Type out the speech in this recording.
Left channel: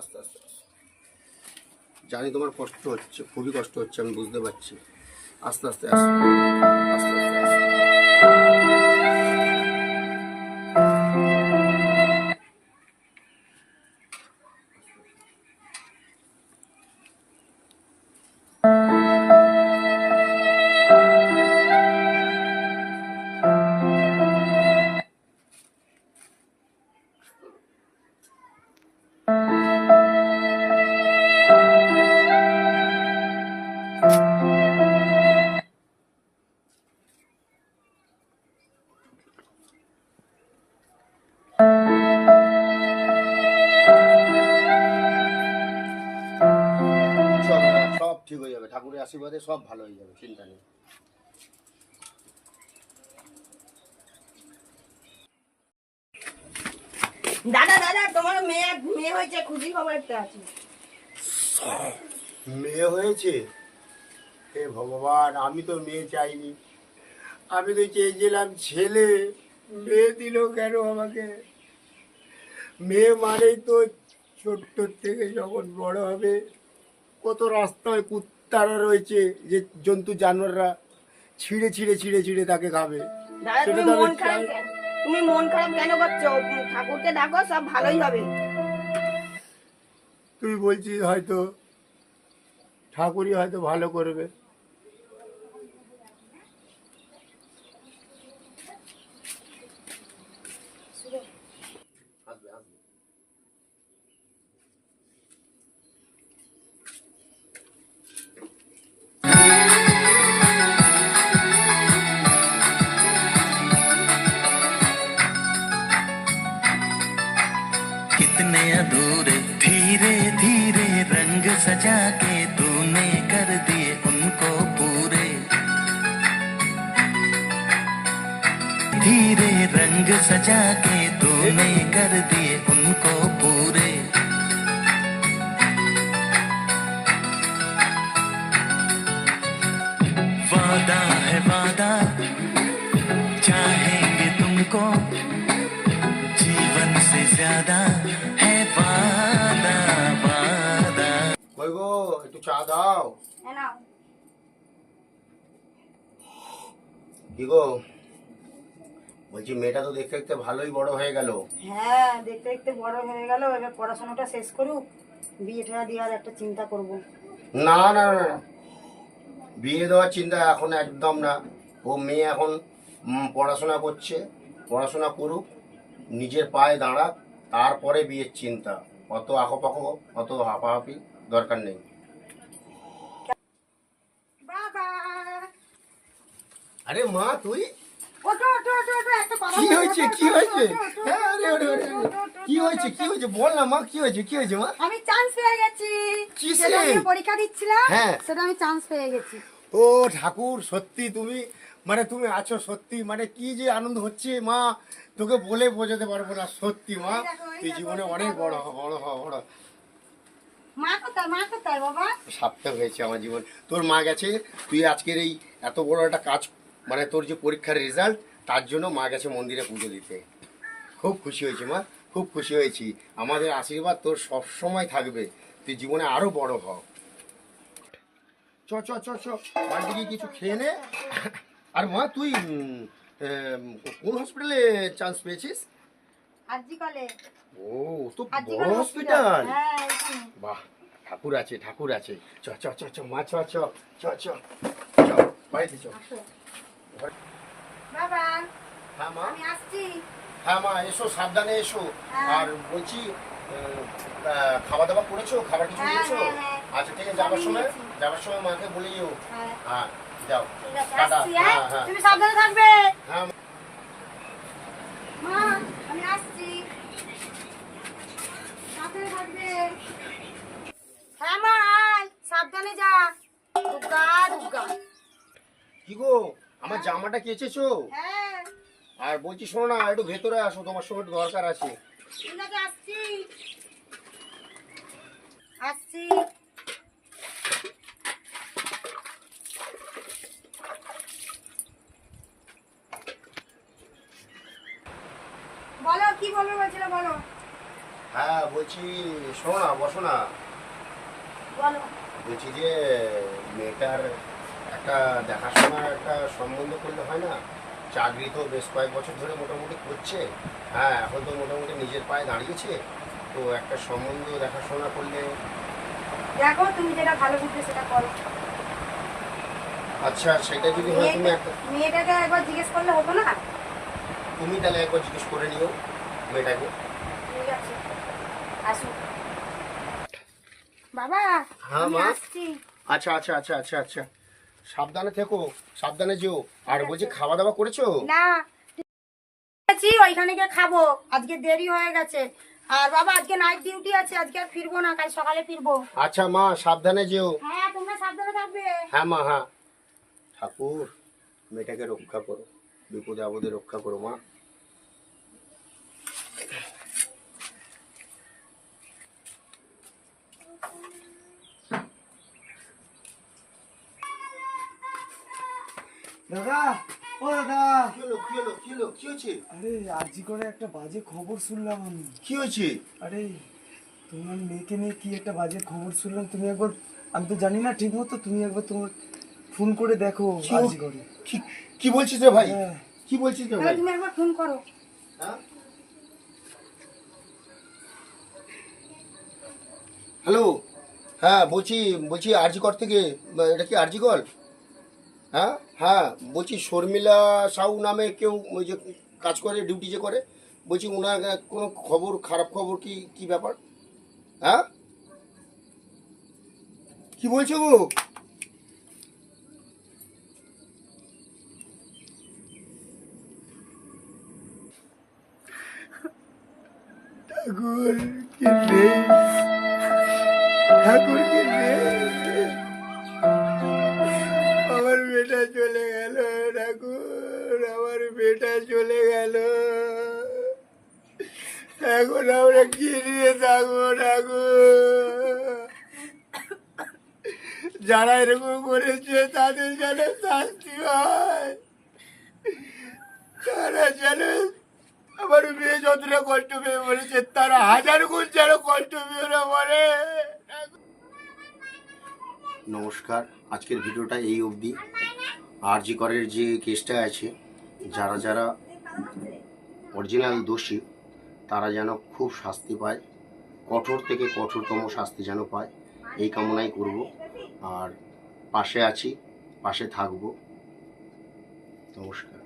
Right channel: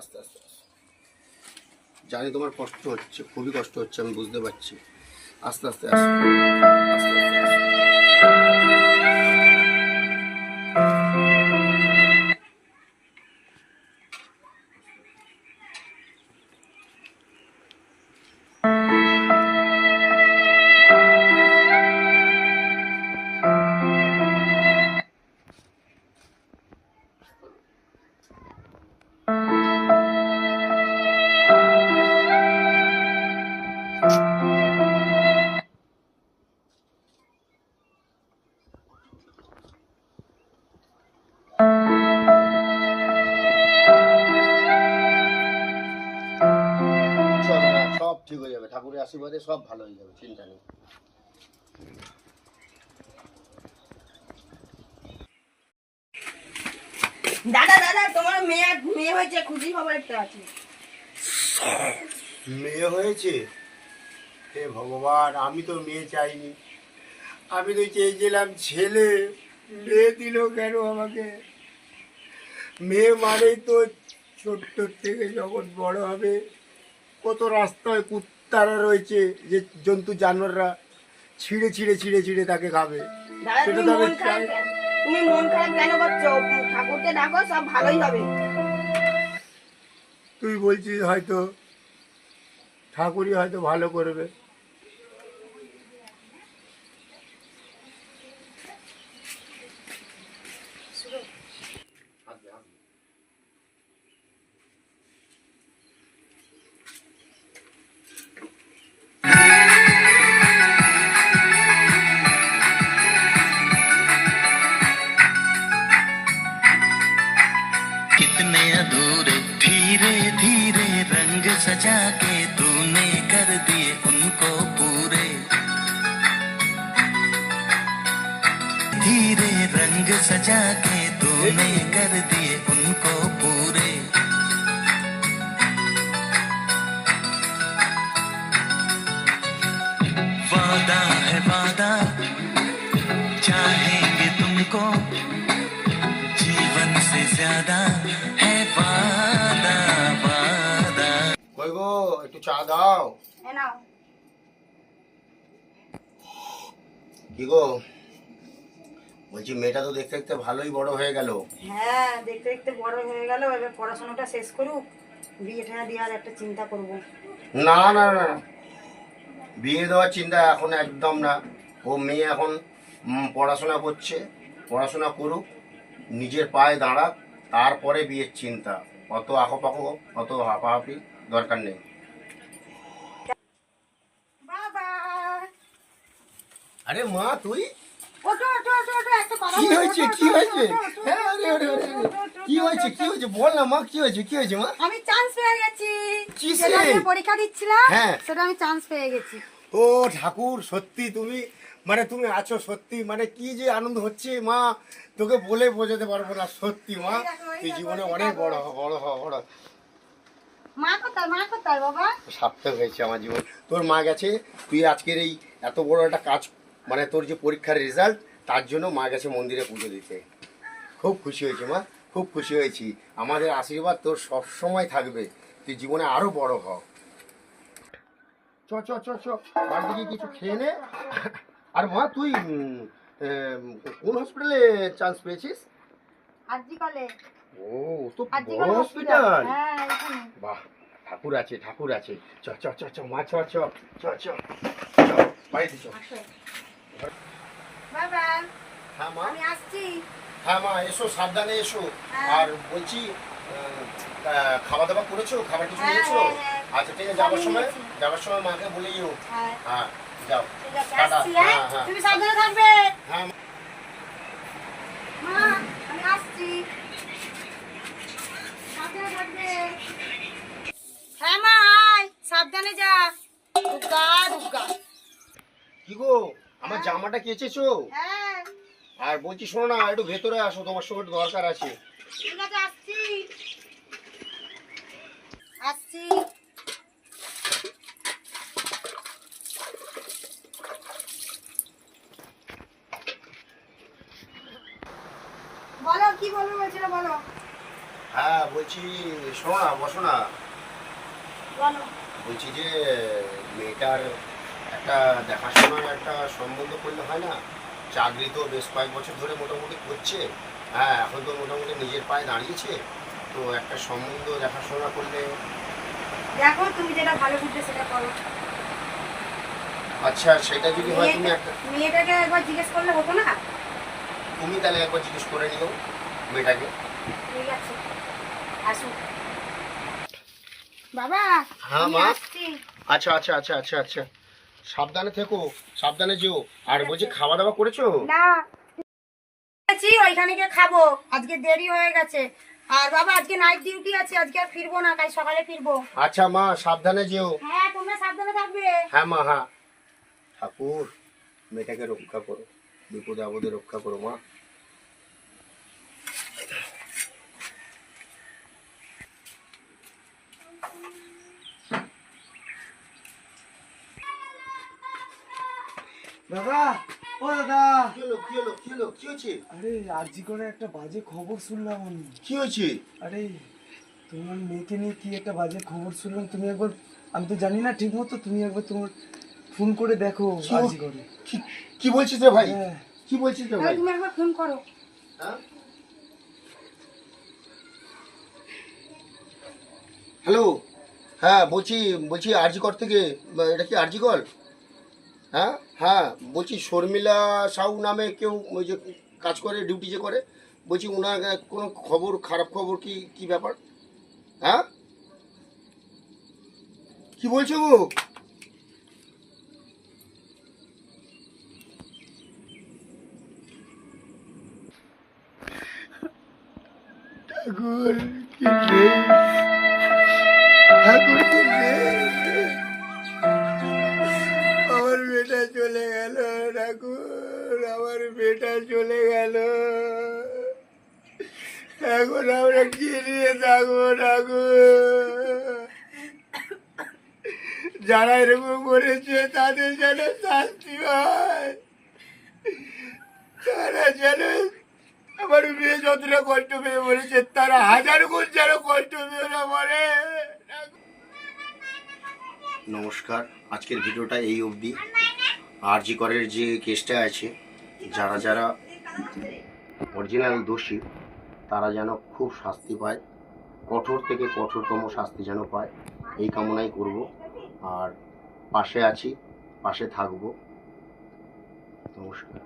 আস্তে আস্তে আস্তে। জানি তোমার কষ্ট হচ্ছে, খুবই কষ্ট হচ্ছে, আমি বুঝতে পারছি। আস্তে আস্তে আস্তে আস্তে আস্তে সব ঠিক হয়ে যাবে, ঠাকুরের আশীর্বাদে সব ভালো হয়ে যাবে, চিন্তা নেই। দাদা দাদা তোমার মেয়ে মেয়ে হয়েছে, খুশি খবর একটা আছে। মেয়ে হয়েছে? হে ভগবান, আমি তো মেয়ে চাইনি, আমি তো চেয়েছিলাম ছেলে। মেয়ে দিল কেন আমাকে? মেয়ে মানেই তো ছোট্ট থেকে যখন বড় হবে, কত রাস্তায় কুত্তারা রয়েছে, যে জন্তু জানোয়াররা ছিঁড়ে ছিঁড়ে ছিঁড়ে ছিঁড়ে তাকে খাবে। দাদা সেটা তুমি তো আমি মন খারাপ চাই। তুমি মন খারাপ কেন করছো? ঠাকুরকে ডাকো, সব ভালোই হবে। তুই বলছিস হয়তো ঠাকুরই হয়তো ভালো করবে। कितने अधूरे धीरे धीरे रंग सजा के तूने कर दिए उनको पूरे, धीरे रंग सजा के तूने कर दिए उनको पूरे। वादा है वादा, चाहेंगे तुमको जीवन से ज्यादा है वादा वादा। কই গো, একটু চা দাও। হ্যাঁ নাও। কি গো, বলছি মেয়েটা তো দেখতে দেখতে ভালোই বড় হয়ে গেল। হ্যাঁ, দেখতে দেখতে বড় হয়ে গেল, এবার পড়াশোনাটা শেষ করুক, বিয়েটা দেওয়ার একটা চিন্তা করব। না না না, বিয়ে দেওয়ার চিন্তা এখন একদম না। ও মেয়ে এখন পড়াশোনা করছে, পড়াশোনা করুক, নিজের পায়ে দাঁড়াক, তারপরে বিয়ের চিন্তা। অত আঁকোপাকো, অত হাঁপাহাঁপি দরকার নেই। বাবা, আরে মা, তুই ওঠো ওঠো ওঠো ওঠো, একটা কথা কি বলো, হয়েছে? ওঠো, কি ওঠো, হয়েছে? ওঠো, ওঠো, হ্যাঁ, আরে আরে আরে আরে। ওঠো, ওঠো, কি হয়েছে? কি হয়েছে? বল না মা, কি হয়েছে? কি হয়েছে মা? আমি চান্স পেয়ে গেছি। কিসে? যেটা আমি পরীক্ষা দিচ্ছিলাম, হ্যাঁ। সেটা আমি চান্স পেয়ে গেছি। ও ঠাকুর, সত্যি তুমি মানে তুমি আছো, সত্যি মানে কি যে আনন্দ হচ্ছে মা, তোকে বলে বোঝাতে পারবো না। সত্যি মা, তুই জীবনে অনেক বড় হ, বড় হ, বড় হ। মা কোথায়, মা কোথায় বাবা? সার্থক হয়েছে আমার জীবন। তোর মা গেছে, তুই আজকের এই এত বড় একটা কাজ, মানে তোর যে পরীক্ষার রেজাল্ট, তার জন্য মা গেছে মন্দিরে পুজো দিতে। খুব খুশি হয়েছি মা, খুব খুশি হয়েছি। আমাদের আশীর্বাদ তোর সব সময় থাকবে, তুই জীবনে আরো বড় হ। চ চ চ চ, বাড়িতে গিয়ে কিছু খেয়ে নে। আর মা, তুই কোন হসপিটালে চান্স পেয়েছিস? আরজি কলেজ। ও, তো আরজি বড় কলেজ হসপিটাল। হ্যাঁ, এখানে। বাহ, ঠাকুর আছে, ঠাকুর আছে। চ চ চ চ মা, চ চ চ চ চ, বাড়িতে চ। আসো। বাবা, হ্যাঁ মা, আমি আসছি। হ্যাঁ মা, এসো, সাবধানে এসো। হ্যাঁ। আর বলছি, খাওয়া দাওয়া করেছো? খাবার কিছু হ্যাঁ, নিয়েছো? হ্যাঁ, হ্যাঁ। আচ্ছা ঠিক আছে, যাবার আমি সময় নিয়েছি। মাকে বলে যেও। হ্যাঁ। হ্যাঁ, যাও। ঠিক আছে, টাটা। আসছি, হ্যাঁ? হ্যাঁ হ্যাঁ তুমি সাবধানে থাকবে। হ্যাঁ। মা, আমি আসছি। সাবধানে থাকবে। হ্যাঁ মা, আয়, সাবধানে যা। দুগ্গা দুগ্গা। কি গো, আমার জামাটা কেচেছো? হ্যাঁ, আর বলছি শোনো না, একটু ভেতরে আসো, তোমার সঙ্গে একটু দরকার আছে। ঠিক আছে, আসছি। আসছি। বলো, কি বলবে বলছিলে, বলো। হ্যাঁ বলছি, শোনো না, বসো না। বলো। বলছি যে মেয়েটার একটা দেখাশোনার একটা সম্বন্ধ করলে হয় না? চাকরি তো বেশ কয়েক বছর ধরে মোটামুটি করছে। হ্যাঁ, এখন তো মোটামুটি নিজের পায়ে দাঁড়িয়েছে। তো একটা সম্বন্ধ দেখাশোনা করলে। দেখো তুমি যেটা ভালো বুঝবে সেটা করো। আচ্ছা, সেটা যদি হয় তুমি একটা, মেয়েটাকে একবার জিজ্ঞেস করলে হতো না? তুমি তাহলে একবার জিজ্ঞেস করে নিও মেয়েটাকে। ঠিক আছে, আসুন। বাবা। হ্যাঁ, আমি মা। আসছি। আচ্ছা আচ্ছা আচ্ছা আচ্ছা আচ্ছা, সাবধানে থেকো, সাবধানে যেও। আর বলছি, খাওয়া দাওয়া করেছো? না, আছি ওইখানে গিয়ে খাবো, আজকে দেরি হয়ে গেছে। আর বাবা আজকে নাইট ডিউটি আছে, আজকে আর ফিরবো না, কাল সকালে ফিরবো। আচ্ছা মা, সাবধানে যেও। হ্যাঁ, তোমরা সাবধানে থাকবে। হ্যাঁ মা, হ্যাঁ। ঠাকুর, মেয়েটাকে রক্ষা করো, বিপদে আপদে রক্ষা করো মা। দাদা, ও দাদা। কি হলো, কি হলো, কি হলো, কি হয়েছে? আরে আরজি করে একটা বাজে খবর শুনলাম আমি। কি হয়েছে? আরে তোমার মেয়েকে নিয়ে কি একটা বাজে খবর শুনলাম, তুমি একবার, আমি তো জানি না ঠিক মতো, তুমি একবার তোমার ফোন করে দেখো কি আরজি করে। কি- কি বলছিস রে ভাই? হ্যাঁ। কি বলছিস রে তাহলে ভাই? তুমি একবার ফোন করো। হ্যাঁ? হ্যালো। হ্যাঁ বলছি, বলছি আরজি কর থেকে। এটা কি আরজি কল? হ্যাঁ হ্যাঁ, বলছি শর্মিলা সাউ নামে কেউ ওই যে কাজ করে, ডিউটি যে করে, বলছি ওনার কোনো খবর, খারাপ খবর, কি কি ব্যাপার? হ্যাঁ, কি বলছো গো? ঠাকুর কি রে, ঠাকুর কি রে, আমার বেটা চলে গেল, ঠাকুর আমার বেটা চলে গেল। এখন আমরা কি নিয়ে থাকবো ঠাকুর? যারা এরকম করেছে তাদের যেন শাস্তি হয়, তারা যেন, আমার মেয়ে যতটা কষ্ট পেয়ে মরেছে তারা হাজার গুণ যেন কষ্ট পেয়ে না মরে। নমস্কার, আজকের ভিডিওটা এই অবধি। আরজি করের যে কেসটা আছে, যারা যারা অরিজিনাল দোষী তারা যেন খুব শাস্তি পায়, কঠোর থেকে কঠোরতম শাস্তি যেন পায়, এই কামনাই করব। আর পাশে আছি, পাশে থাকব। নমস্কার।